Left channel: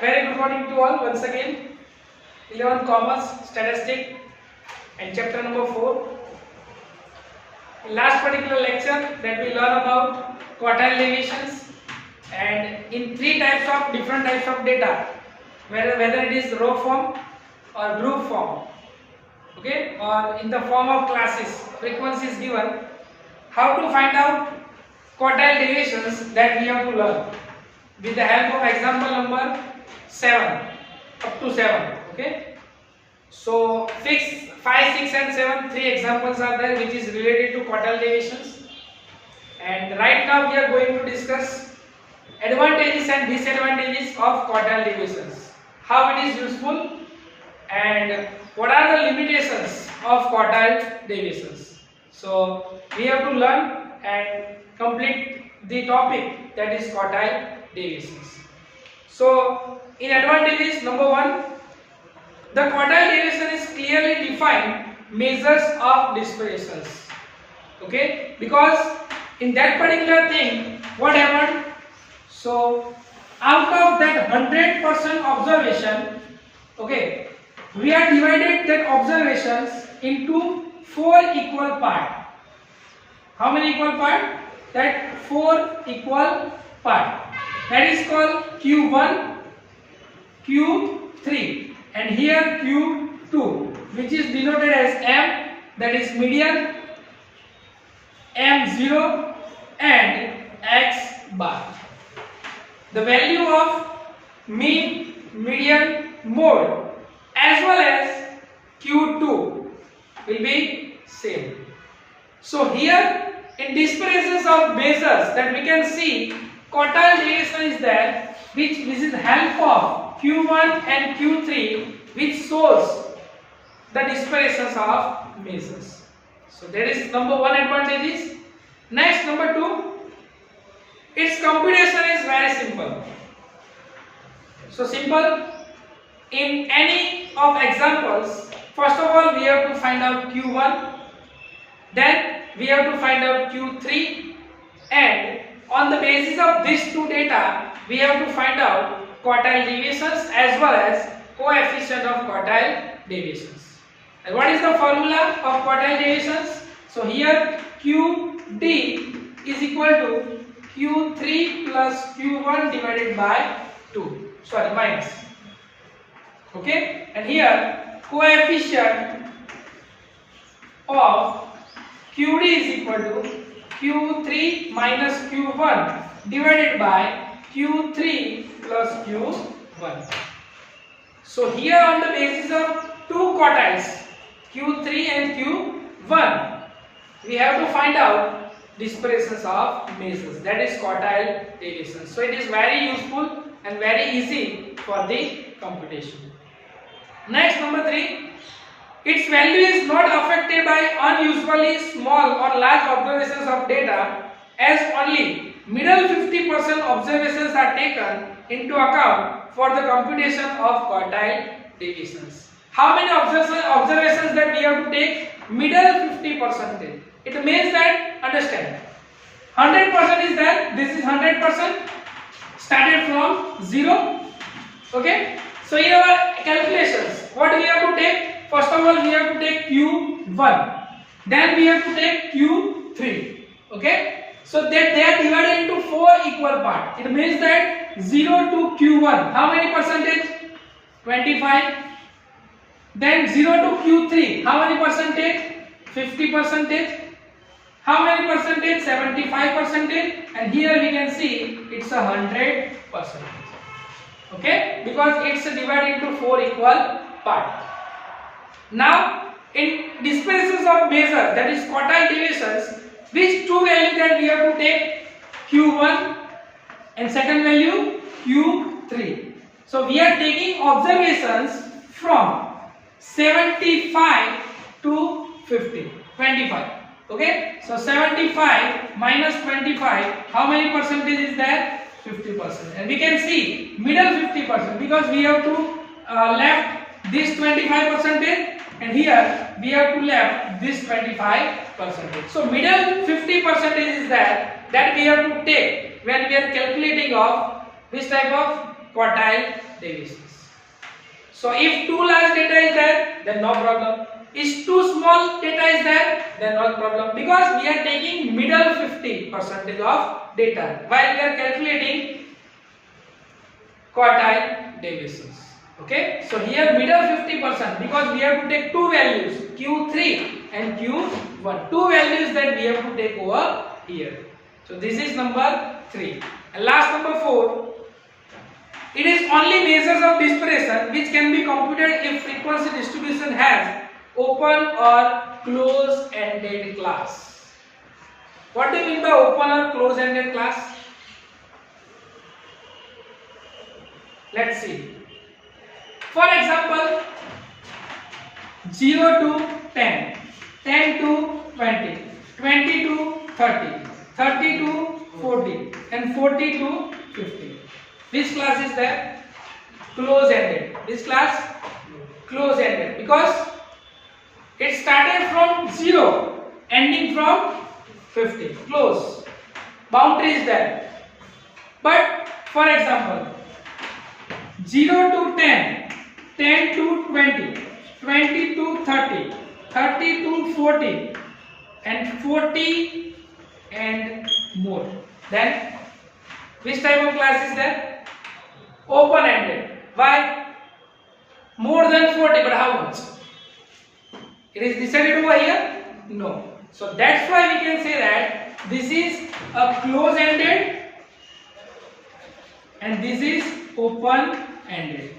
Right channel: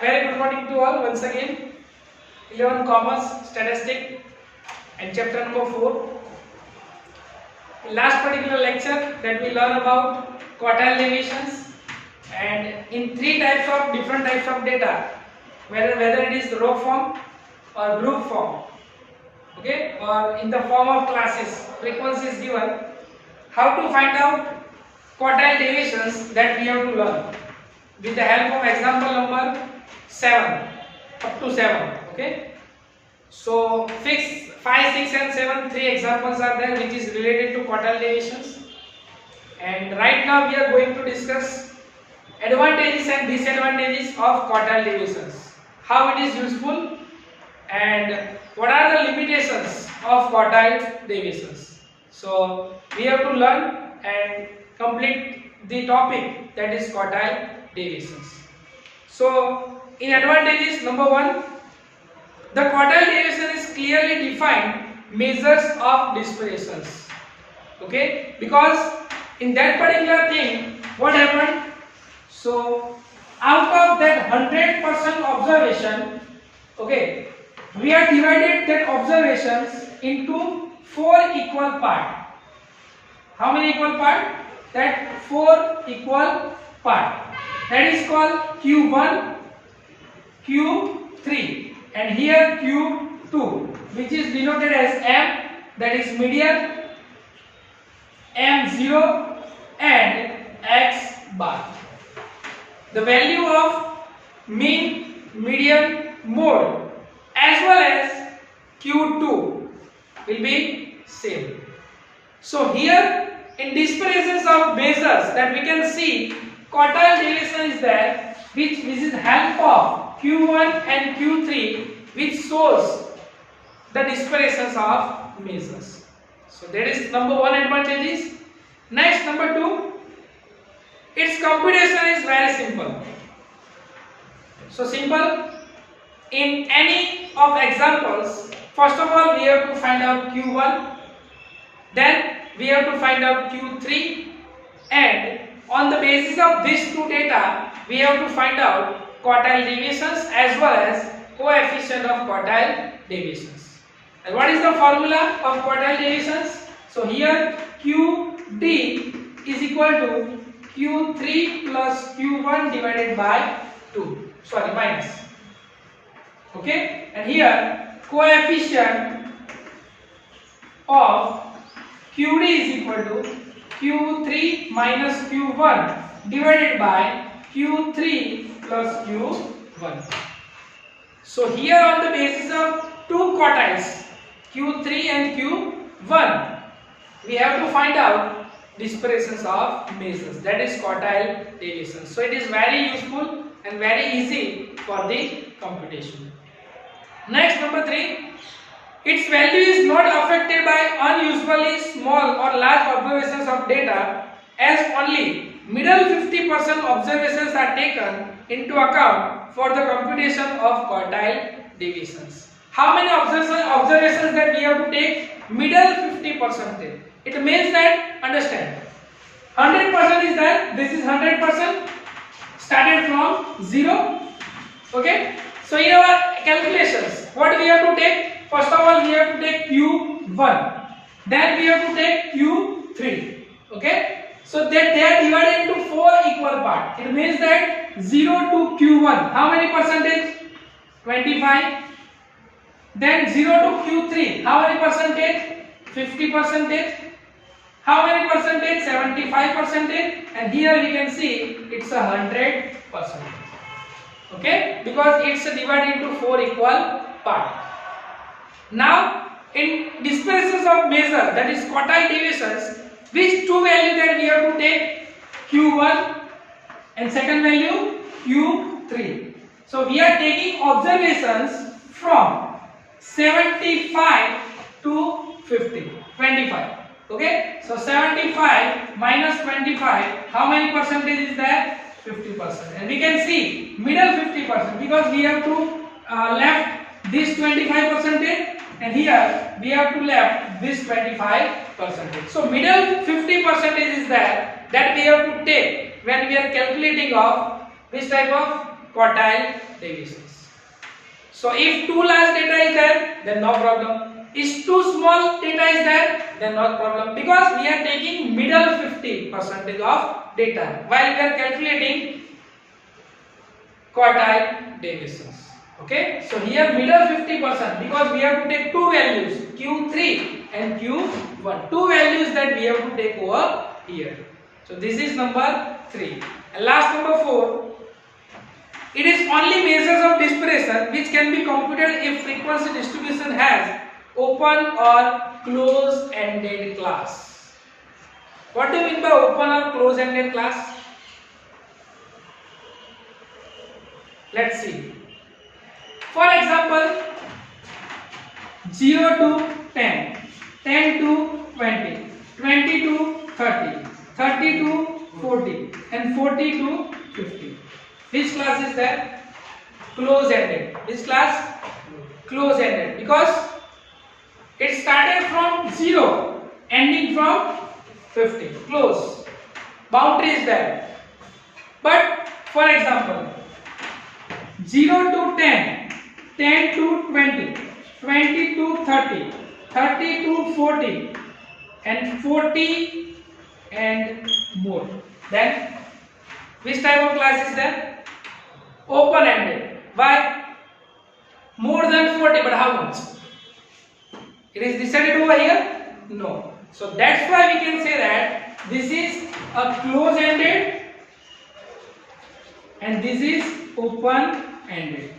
Very good morning to all once again. 11 Commerce, Statistic and chapter number 4. In last particular lecture that we learn about quartile deviations and in different types of data, whether it is row form or group form, okay, or in the form of classes, frequency is given. How to find out quartile deviations that we have to learn with the help of example number 7 up to 7. Okay, so 5, 6 and 7, 3 examples are there which is related to quartile deviations, and right now we are going to discuss advantages and disadvantages of quartile deviations, how it is useful and what are the limitations of quartile deviations. So we have to learn and complete the topic, that is quartile deviations. So in advantages, number 1, the quartile deviation is clearly defined measures of dispersions. Okay, because in that particular thing, what happened? So out of that 100% observation, okay, we are divided that observations into 4 equal parts. How many equal parts? That 4 equal parts. That is called Q1, Q3, and here Q2, which is denoted as M, that is median, M0 and X bar. The value of mean, median, mode as well as Q2 will be same. So here in dispersions of measures that we can see quartile deviation is there, which is help of Q1 and Q3, which shows the dispersions of measures. So there is number 1 advantage. Next, number 2, its computation is very simple. So simple. In any of examples, first of all we have to find out Q1, then we have to find out Q3, and on the basis of these two data we have to find out quartile deviations as well as coefficient of quartile deviations. And what is the formula of quartile deviations? So here QD is equal to Q3 plus Q1 divided by 2. Sorry, minus. Okay, and here coefficient of QD is equal to Q3 minus Q1 divided by Q3 plus Q1. So here on the basis of two quartiles, Q3 and Q1, we have to find out dispersions of measures, that is quartile deviation. So it is very useful and very easy for the computation. Next, number 3, its value is not affected by unusually small or large observations of data, as only middle 50% observations are taken into account for the computation of quartile deviations. How many observations that we have to take? Middle 50%. It means that, understand, 100% is that this is 100% started from 0. Okay, so in our calculations, what we have to take? First of all, we have to take Q1, then we have to take Q3. Okay, so that they are divided into 4 equal parts. It means that 0 to Q1, how many percentage? 25. Then 0 to Q3, how many percentage? 50%. How many percentage? 75%. And here we can see it's 100%. Okay, because it's divided into 4 equal parts. Now, in dispersions of measure, that is quartile deviations, which two values that we have to take? Q1 and second value Q3. So we are taking observations from 75 to 50, 25. Okay, so 75 minus 25, how many percentage is that? 50%. And we can see middle 50% because we have to left this 25%, and here we have to left this 25%. So middle 50% is that we have to take when we are calculating of which type of quartile deviations. So if too large data is there, then no problem. If too small data is there, then no problem, because we are taking middle 50% of data while we are calculating quartile deviations. Okay, so here middle 50%, because we have to take two values, Q3 and Q1, two values that we have to take over here. So this is number 3. And last, number 4, it is only measures of dispersion which can be computed if frequency distribution has open or close-ended class. What do you mean by open or close-ended class? Let's see. For example, 0 to 10, 10 to 20, 20 to 30, 30 to 40, and 40 to 50. Which class is that? Close-ended. This class? Close-ended, because it started from 0, ending from 50. Close. Boundary is there. But for example, 0 to 10, 10 to 20, 20 to 30, 30 to 40, and 40 and more. Then which type of class is that? Open-ended. Why? More than 40, but how much? It is decided over here? No. So that's why we can say that this is a close-ended and this is open-ended.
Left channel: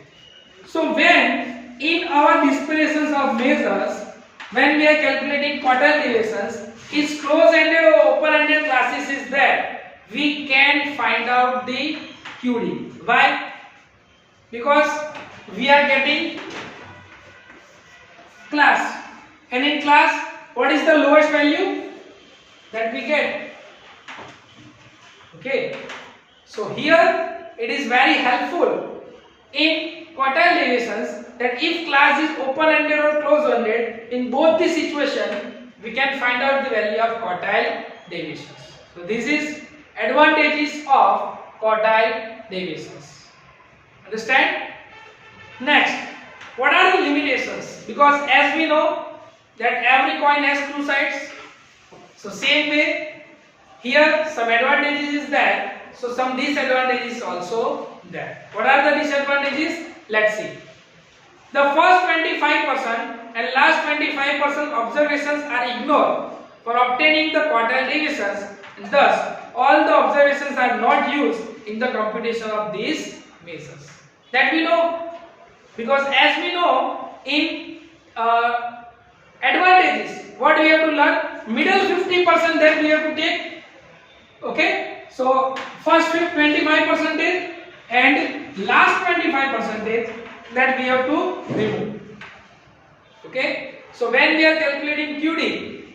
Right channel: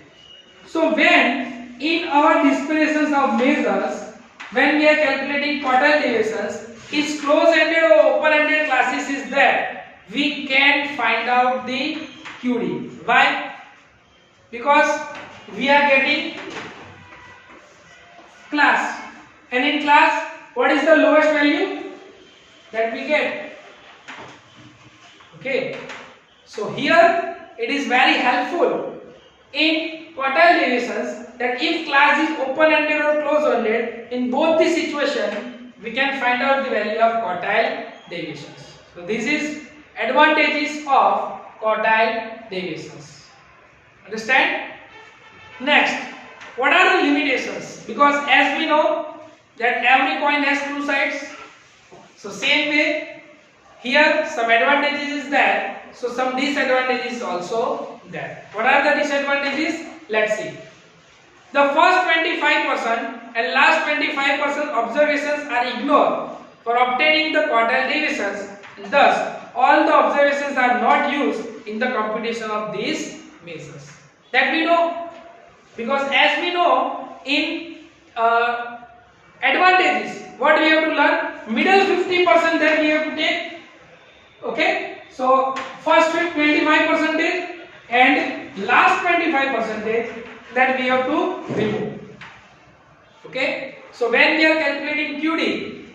So when in our disparitions of measures, when we are calculating quartile deviations, if close-ended or open-ended classes is there, we can find out the QD. Why? Because we are getting class, and in class, what is the lowest value that we get? Okay, so here it is very helpful in quartile deviations that if class is open-ended or close-ended, in both the situation we can find out the value of quartile deviations. So this is advantages of quartile deviations. Understand? Next, what are the limitations? Because as we know that every coin has two sides. So same way, here some advantages is there, so some disadvantages also there. What are the disadvantages? Let's see. The first 25% and last 25% observations are ignored for obtaining the quartile deviations, and thus all the observations are not used in the computation of these measures. That we know, because as we know in advantages, what we have to learn? Middle 50% that we have to take. Okay, so first 25% and last 25% that we have to remove. Okay, so when we are calculating QD,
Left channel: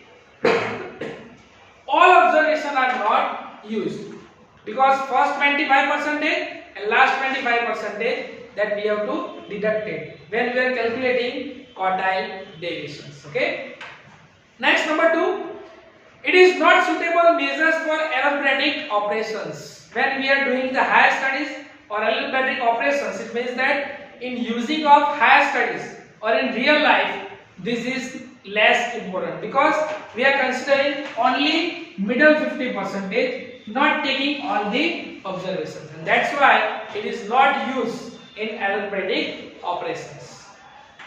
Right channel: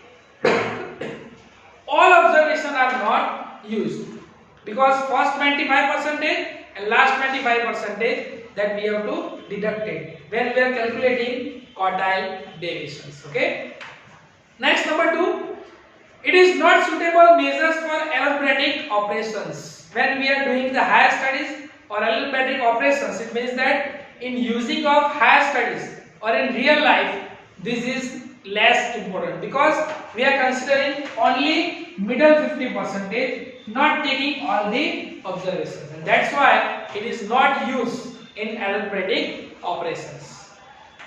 all observations are not used, because first 25% and last 25% that we have to deduct it when we are calculating quartile deviations. Okay. Next, number 2, it is not suitable measures for algebraic operations. When we are doing the higher studies or algebraic operations, it means that in using of higher studies or in real life, this is less important, because we are considering only middle 50%, not taking all the observations, and that's why it is not used in algebraic operations.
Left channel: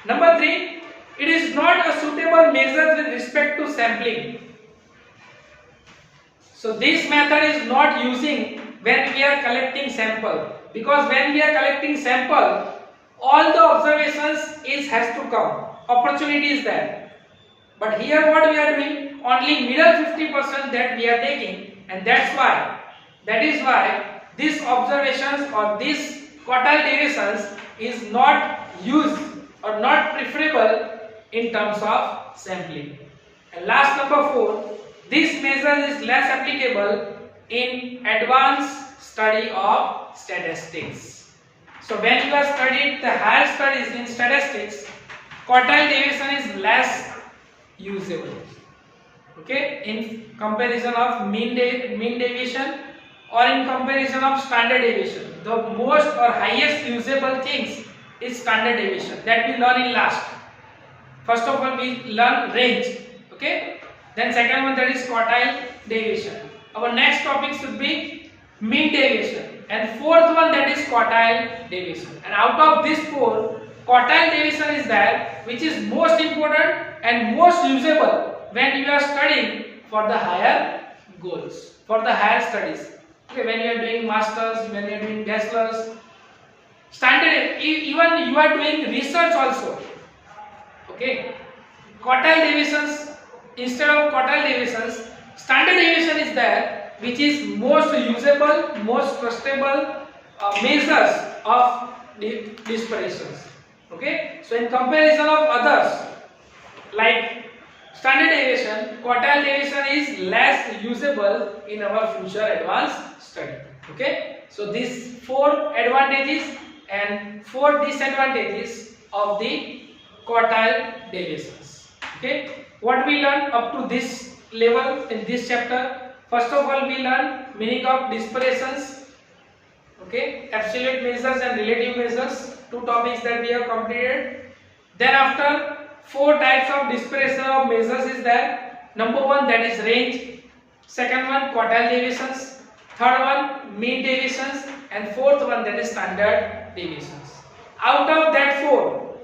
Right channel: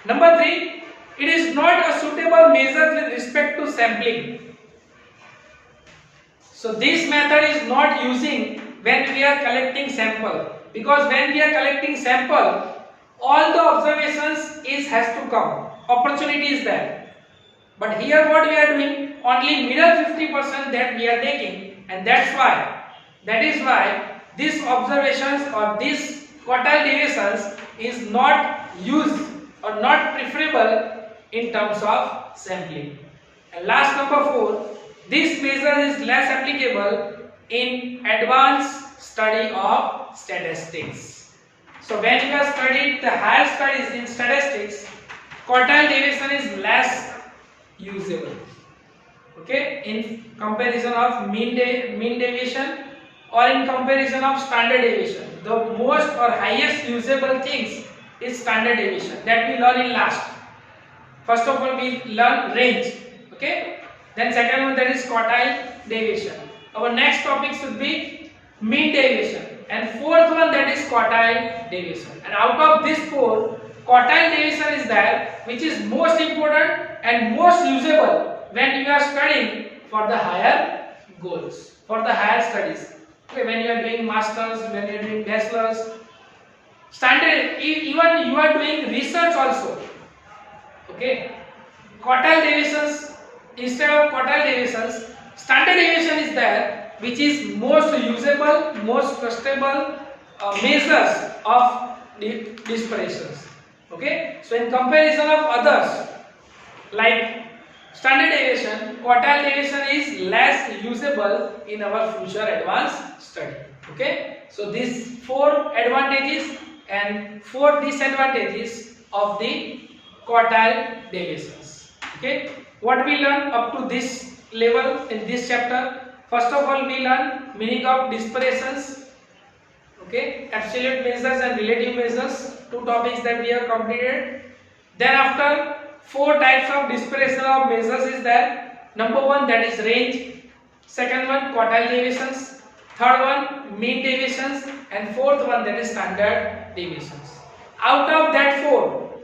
Number 3, it is not a suitable measure with respect to sampling. So this method is not using when we are collecting sample, because when we are collecting sample, all the observations has to come, opportunity is there. But here what we are doing, only middle 50% that we are taking, and that is why these observations or these quartile deviations is not used or not preferable in terms of sampling. And last, number 4, this measure is less applicable in advanced study of statistics. So when you have studied the higher studies in statistics, quartile deviation is less usable. Okay, in comparison of mean deviation or in comparison of standard deviation. The most or highest usable things is standard deviation that we learn in last. First of all, we learn range. Okay. Then second one, that is quartile deviation. Our next topic should be mean deviation, and fourth one, that is quartile deviation. And out of these four, quartile deviation is that which is most important and most usable when you are studying for the higher goals, for the higher studies. Okay, when you are doing masters, when you are doing bachelors, standard, even you are doing research also. Okay, quartile deviations, instead of quartile deviations, standard deviation is there, which is most usable, most trustable measures of the disparitions. Okay, so in comparison of others like standard deviation, quartile deviation is less usable in our future advanced study. Okay, so these four advantages and four disadvantages of the quartile deviations. Okay, what we learn up to this level in this chapter? First of all, we learn meaning of disparitions. Okay, absolute measures and relative measures, two topics that we have completed. Then after, four types of dispersion of measures is there. Number one, that is range. Second one, quartile deviations. Third one, mean deviations, and fourth one, that is standard deviations. Out of that four,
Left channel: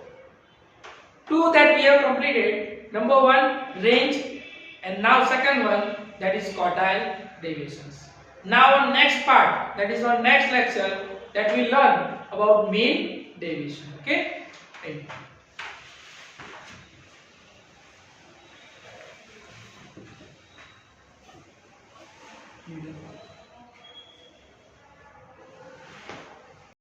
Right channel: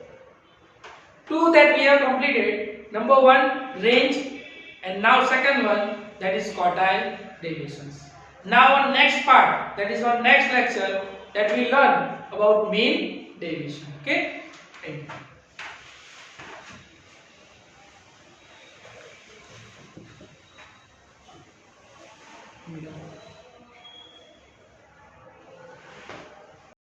two that we have completed. Number one, range, and now second one, that is quartile deviations. Now on next part, that is on next lecture, that we learn about mean deviation. Okay, thank you.